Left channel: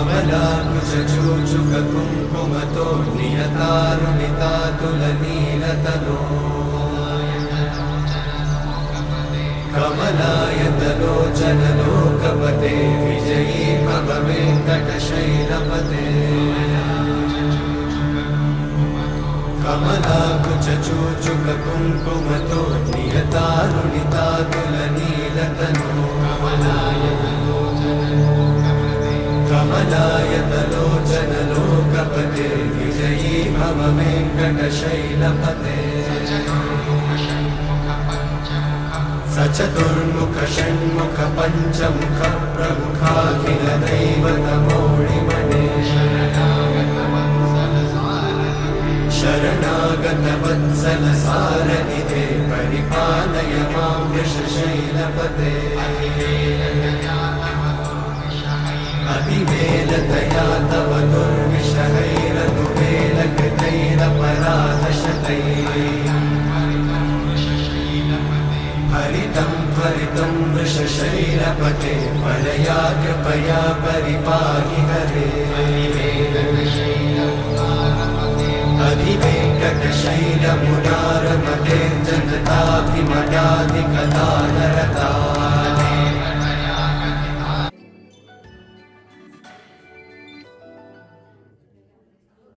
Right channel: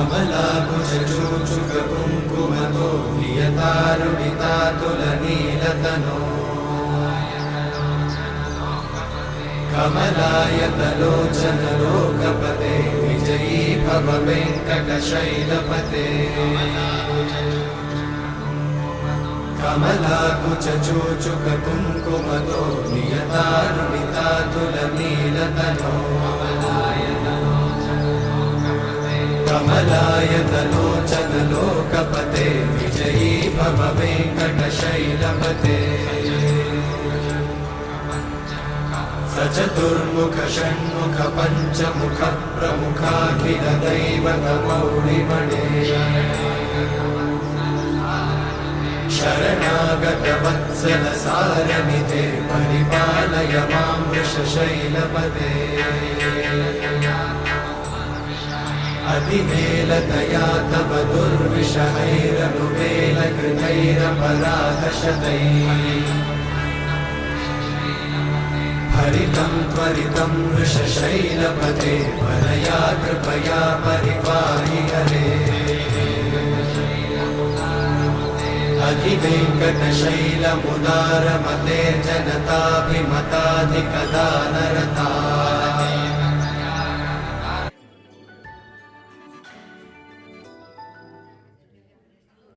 कमलाकुचूचुककुङ्कुमतो नियतारुणितातुलनीलतनो कमलायतलोचनलोकपते विजयी भव वेङ्कटशैलपते कमलाकुचूचुककुङ्कुमतो नियतारुणितातुलनीलतनो कमलायतलोचनलोकपते विजयी भव वेङ्कटशैलपते सचतुर्मुख षण्मुख पञ्चमुख प्रमुखाखिल दैवतमौळिमणे शरणागत वत्सल सारनिधे परिपालय मां वृषशैलपते अधिमेलतया तव दुर्विषहैरनुवेलकृतैरपराधशतैः हरितं त्वरितं वृषशैलपते वरया कृपया परिपाहि हरे अधिवेङ्कटशैलमुदारमते जनताभिमताधिकदानरता